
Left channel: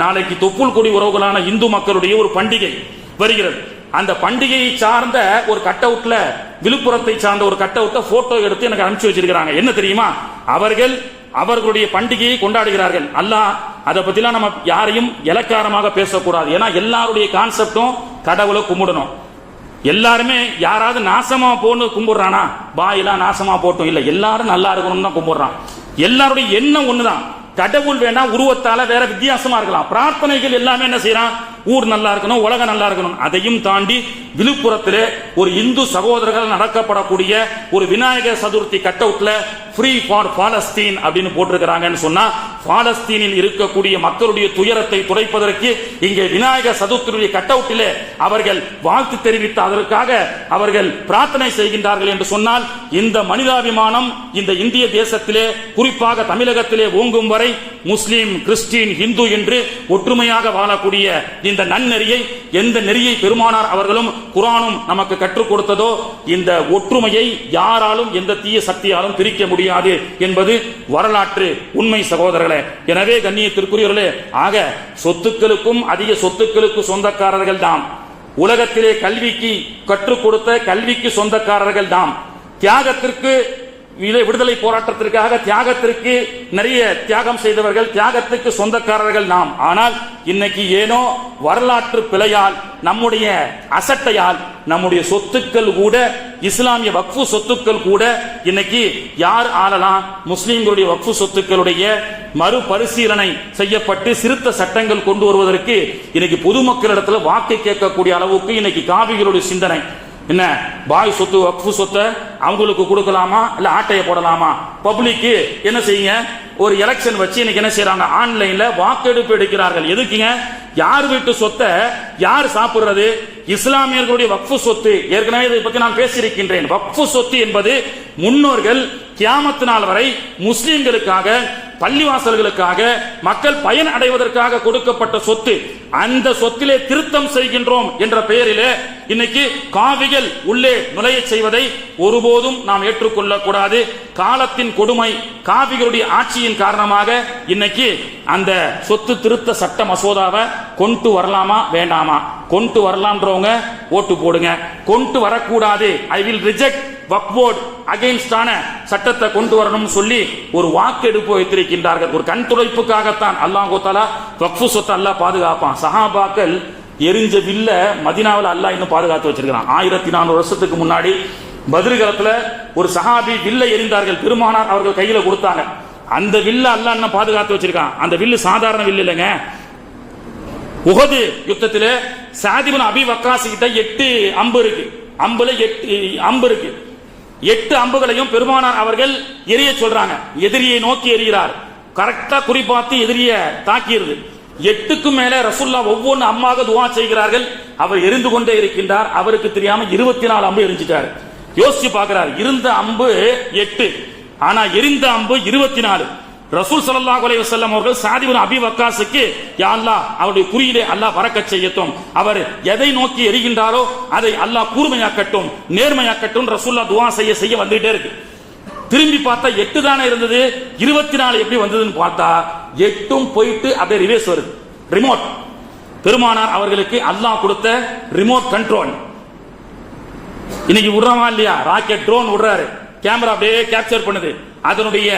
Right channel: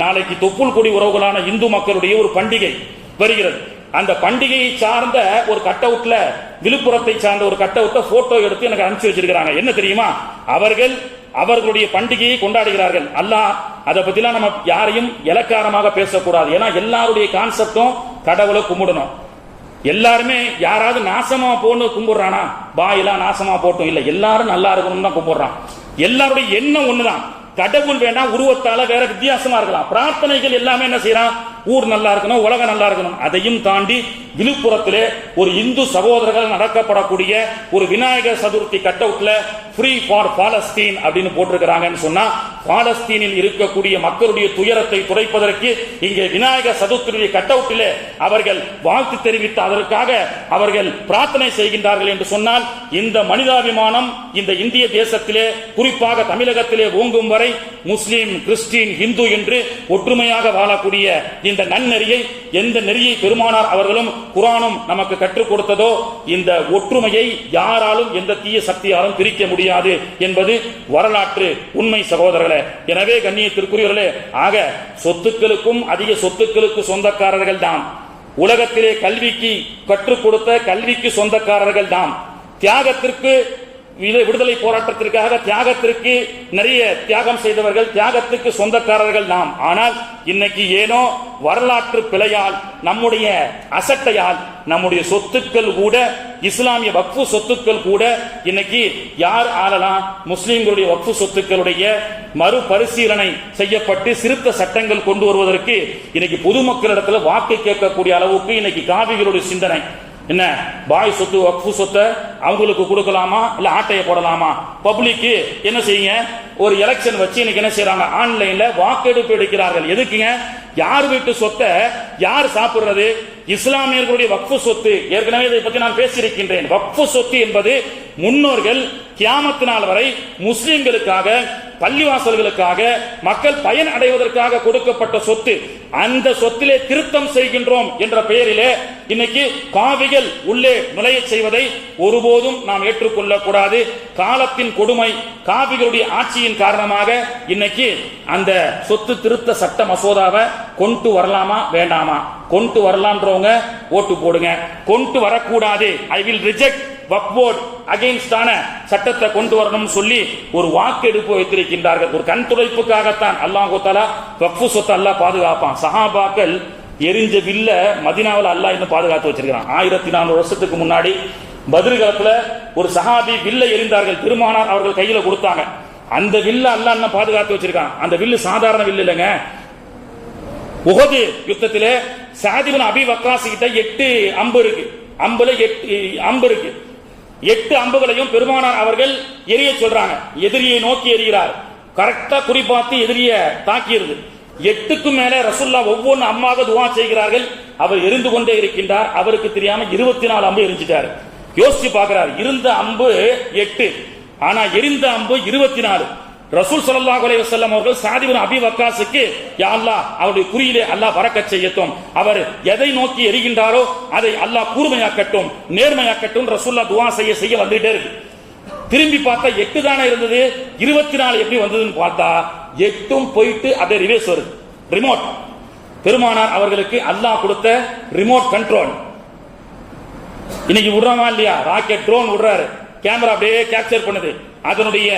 நாளைக்கு தொப்புள் கொடி உறவுகளான இந்து மக்களுடைய ஒரு பண்டிகை வருகிறது. அந்த பண்டிகையை சார்ந்த ஒரு கட் அவுட்ல, விழுப்புரத்தை சார்ந்த ஒரு கட் அவுட்ல போட்டோ எடுத்து எனக்கு அனுப்பிச்சு வச்சிருக்காங்க. என்ன தெரியுமா, அவர்கள் அவர்களுடைய பண்டிகையை கொண்டாடுகிறார்கள். அல்லாஹ் அதை பத்திலாம் நம்ம யாரையும் இலக்காரமாக பேசக்கூடாது. ஏன்னா எல்லாருடைய கான்செப்டும் கடவுளை கும்பிடணும். எல்லாருமே யாராவது நாசமா போன்னு கும்பிடுறானா, பாயெல்லாம் நாசமா போட்டும் இல்ல, எல்லாரும் நல்லா இருக்கணும்னு தான் கும்பிடுறான். எல்லாருடைய எண்ணம் ஒண்ணுதான். கடவுள் வேண்டாம், உருவத்தால வேற வித்தியாசமா இருக்கலாம். பிரார்த்தனைகள் எல்லாமே என்ன செய்யறான், ஊர் நல்லா இருக்கணும், உலகம் நல்லா இருக்கணும். அதையும் தாண்டி விழுப்புரத்திலே ஒரு இந்து சகோதரர்கள் நடக்கப்படக்கூடிய ஒரு விநாயகர் சதுர்த்தி கட் அவுட்ல ஃப்ரீ ஃபார் பாலஸ்தீன் அப்படின்னு போட்டிருக்கிறாங்கன்னு சொன்னா, பாலஸ்தீனில் இருக்கக்கூடிய மக்களுடைய துயரத்தை துடைப்பதற்கு இங்கே விநாயகர் சதுர்த்தியுடைய கட் அவுட்டிலே அவர்கள் வாழ்த்து தெரிவித்து அதற்காக அவர்கள் பிரார்த்தனை செய்கின்றார்கள் என்று சொன்னால், இந்த மனிதாபிமானம் இந்த இந்திய தேசத்திலே, குறிப்பாக தமிழகத்திலே ஓங்கும் வரை முஸ்லிம், கிறிஸ்டின், இந்து என்று ஒற்றுமையாக வாழக்கூடிய இந்த நன்னெறியை, எந்த நெறியை பெருமானார் அவர்களும் குர்ஆனும் நமக்கு கற்றுக் கொடுத்ததோ, இந்த ஒற்றுமையை யாராலும் எந்த தீய சக்தியாலும் பிரிக்க முடியாது என்பது வரலாற்று உண்மை சகோதரர்களே. எனவே கண்ணியத்திற்குரியவர்களே, ஆக சொத்துக்களுக்கும் அதிக சொத்துக்களுக்கு சொந்தக்காரர்கள் நாம். உலகத்திலே கல்விக்கு கற்றுக் கொடுத்த கல்விக்கு சொந்தக்காரர்கள் நாம். தியாகத்திற்கு, விடுதலை போராட்டத்திற்காக தியாகத்திற்கு நிறைய தியாகம் செய்தவர்கள், தியாகத்துக்கு சொந்தக்காரர்கள் நாம். ஆனால் இன்னைக்கு ஏனோ வரலாற்று பிழையால், நம்முடைய அசட்டையால், நம்முடைய சொத்துக்கள் கூட, இஸ்லாமிய வக்ஃபு சொத்துக்கள் கூட இன்னைக்கு யார் ஆளலாம், முஸ்லிம்களுடைய வக்ஃபு சொத்துக்களுடைய மறுபரிசீலனை செய்யப்பட்டு சிறுத்த சட்டங்கள் கொண்டு வருவதற்கு இன்னைக்கு பொதுமக்களிடத்தில் வாக்கை கேட்கக்கூடிய அளவுக்கு இன்னைக்கு காவிகளுடைய சிந்தனை என்ன, பாய் சொத்து வக்ஃபு சொத்தை அவங்களுக்கு கொடுக்கலாமா இல்ல ஆட்டையை போடலாமா, பப்ளிக் என்ன செய்யுங்க, ஒரு எலெக்ஷன் வச்சு இன்னைக்கு என்ன செய்யறாங்க, ஆன்லைன்ல வாக்கெடுப்பு எடுக்கிறார்கள். எதுக்குங்க, யார் வீட்டு சொத்தை யார் சாப்பிடுறது, இஸ்லாமியர்களுடைய வக்ஃபு சொத்து. ஏற்கனவே இதை பற்றி நான் பேசியிருக்கின்றேன். வக்ஃபு சொத்து என்பது முன்னோர்கள் கியாமத் நாள் வரை முஸ்லிம்களுக்காக, பள்ளிவாசல்களுக்காக, மக்கள் பயன் அடைவதற்காக கொடுக்கப்பட்ட சொத்து. அந்த சொத்திலே திருத்தம் செய்கின்றோம் என்ற பெயரிலே இன்னைக்கு காவிகள் உள்ளே நுழைய செய்வதை ஒருபோதும் நாம் ஏற்றுக்கொள்ளக் கூடாது. காலத்தின் கொடுமை, காவிகளுடைய ஆட்சியின் காரணமாக இன்னைக்கு அந்த சொத்து திருத்த சட்ட மசோதாவை கொண்டு வரலாமா வேண்டாமா, கொண்டு வரலாம்ன்றவங்க ஓட்டு போடுங்க, கொண்டு வரக்கூடாது I will reject Waqf board அகைன்ஸ்டான சட்டத்தை கொண்டு வரணும் சொல்லி ஒரு வாக்கெடுப்பு வைத்திருக்கின்றார்கள். ஒரு கண் துடைப்புக்காகத்தான் அல்லாஹ் தஆலா வக்ஃபு சொத்தை அல்லாஹ் பாதுகாப்பான். சஹாபாக்கள் எரிஞ்ச வில்ல மதீனாவில் அல்லாஹ் இன்னும் பாதுகாத்து வச்சிருக்கான். 1400 வருஷத்துக்கு முன்னாடி பத்ர் காலத்துல ஒரு சஹாபி வில்லை எரிந்தார்கள், பெருமானார் அவர்கள் கையில கொடுத்தாங்க. அந்த வில்ல அல்லாஹ் இன்னும் பாதுகாத்து வச்சிருக்கான். அந்த வில்லு சாதாரண வில்லு இல்லைங்க. உஹது யுத்தத்திலே சஅத் இப்னு அபி வக்காஸ் கிட்ட 8 அம்பு இருக்கு, அம்புல 8 அம்பு இருக்கு. 8 அம்புகளையும் பெருமானார் அவர்கள் எரிய சொல்றாங்க. எதிரியை நோக்கி எறிகிறார், கரெக்டா குறிப்பாத்து எதிரிய தாக்கியிருது. 8க்கு மேல ரசூலுல்லாஹ் ஒவ்வொரு அம்மாக துஆ செய்கிறார்கள். அவர் எரிந்து கொண்டே இருக்கின்றார். அவருக்கு தெரியாம 24 அம்பு எரிஞ்சிட்டார். யோசிச்சு பார்க்கிறார், இருந்த அம்பு 8, ஆனா எரிந்த அம்பு 24. ரசூல் ஸல்லல்லாஹு அலைஹி வஸல்லம் அவர்கள் சஅத் இப்னு அபி வக்காஸுக்கு, யா அல்லாஹ் அவருடைய குறியிலே அல்லாஹ் பரக்கத் செய்யட்டும், அவர் எதை நோக்கி எரிகின்றாரோ அதை அல்லாஹ் கூர்மையாக்கட்டும், நேர்மையாக்கட்டும் ரசூலுல்லாஹ் துஆ செய்ய வந்துட்டே இருக்கு. திரும்பி பார்த்தா 8 தானே இருந்தது, 24 எப்படி வந்ததுன்னு பார்த்தா 8ம் போயிட்டு அப்படியே ரிவர்ஸ் வருது. ரிமோட், பெருமானார் அவர்களுக்கு அல்லாஹ் கொடுத்த ரிமோட் கண்ட்ரோல். இன்னைக்கு விடுறவா இல்லையா, ராக்கெட் ட்ரோன் விடுறாரு, கேமரா அப்படியே கேப்சர் பண்ணுது. அதனுடைய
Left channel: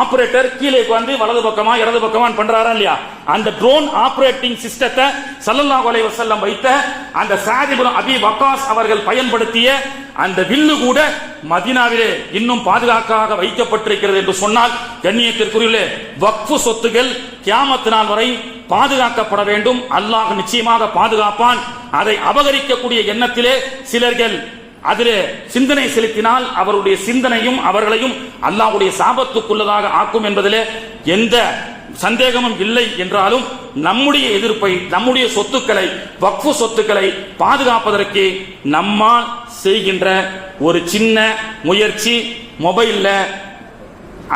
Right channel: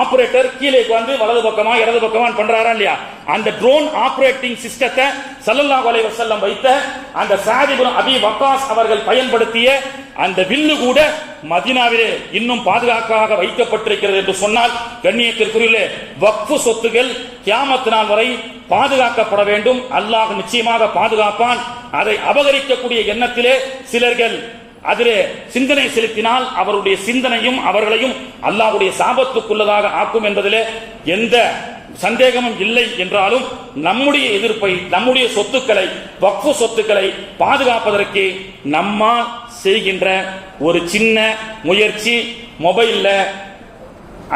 ஆபரேட்டர் கீழே வந்து வலது பக்கமா இடது பக்கமா பண்றாரா இல்லையா, அந்த ட்ரோன் ஆபரேட்டிங் சிஸ்டத்தை ஸல்லல்லாஹு அலைஹி வஸல்லம் வைத்த அந்த சஅத் இப்னு அபி வக்காஸ் அவர்கள் பயன்படுத்திய அந்த வில்லு கூட மதீனாவிலே இன்னும் பாதுகாப்பாக வைக்கப்பட்டிருக்கிறது என்று சொன்னால், கண்ணியத்திற்குரிய வக்ஃப் சொத்துகள் கியாமத் நாள் வரை பாதுகாக்கப்பட வேண்டும். அல்லாஹ் நிச்சயமாக பாதுகாப்பான். அதை அபகரிக்கக்கூடிய எண்ணத்திலே சிலர்கள் அதிலே சிந்தனை செலுத்தினால் அவருடைய சிந்தனையும் அவர்களையும் அல்லாஹ்வுடைய சாபத்துக்குள்ளதாக ஆக்கும் என்பதிலே எந்த சந்தேகமும் இல்லை என்றாலும், நம்முடைய எதிர்ப்பை, நம்முடைய சொத்துக்களை, வக்ஃப் சொத்துக்களை பாதுகாப்பதற்கு நம்மால் செய்கின்ற ஒரு சின்ன முயற்சி, மொபைல்ல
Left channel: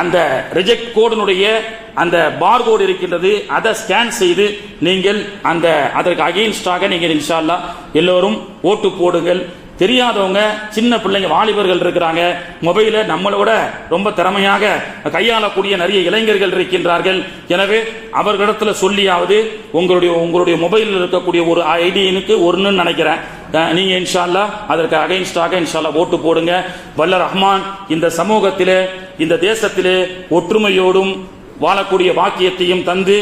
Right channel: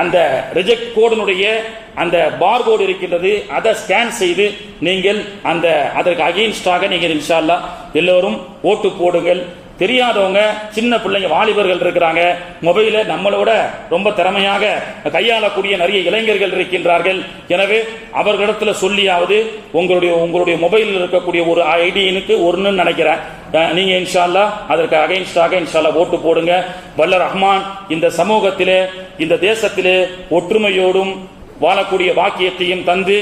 அந்த ரிஜெக்ட் கோடினுடைய அந்த பார்கோடு இருக்கின்றது, அதை ஸ்கேன் செய்து நீங்கள் அந்த அதற்கு அகைன்ஸ்டாக நீங்கள் இன்ஷா அல்லாஹ் எல்லோரும் ஓட்டு போடுங்கள். தெரியாதவங்க, சின்ன பிள்ளைங்க, வாலிபர்கள் இருக்கிறாங்க, மொபைல நம்மளோட ரொம்ப திறமையாக கையாளக்கூடிய நிறைய இளைஞர்கள் இருக்கின்றார்கள். எனவே அவர்களிடத்துல சொல்லியாவது உங்களுடைய மொபைலில் இருக்கக்கூடிய ஒரு ஐடினுக்கு ஒன்னு நினைக்கிறேன், நீங்க இன்ஷா அல்லாஹ் அதற்கு அகைன்ஸ்டாக இன்ஷா அல்லாஹ் ஓட்டு போடுங்க. வல்ல ரஹ்மான் இந்த சமூகத்திலே, இந்த தேசத்திலே ஒற்றுமையோடும் வாழக்கூடிய பாக்கியத்தையும் தந்து,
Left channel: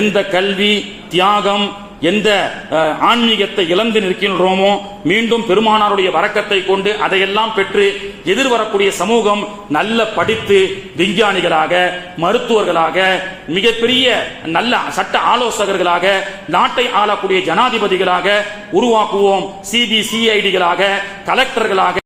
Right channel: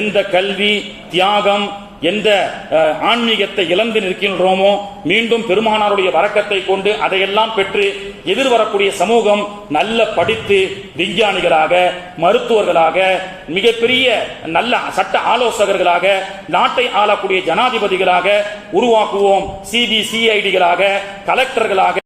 எந்த கல்வி தியாகம், எந்த ஆன்மீகத்தை இழந்து நிற்கின்றோமோ மீண்டும் பெருமானாருடைய வரக்கத்தை கொண்டு அதையெல்லாம் பெற்று எதிர்வரக்கூடிய சமூகம் நல்ல படித்து விஞ்ஞானிகளாக, மருத்துவர்களாக, மிகப்பெரிய நல்ல சட்ட ஆலோசகர்களாக, நாட்டை ஆளக்கூடிய ஜனாதிபதிகளாக உருவாக்குவோம். சிபிசிஐடிகளாக, கலெக்டர்களாக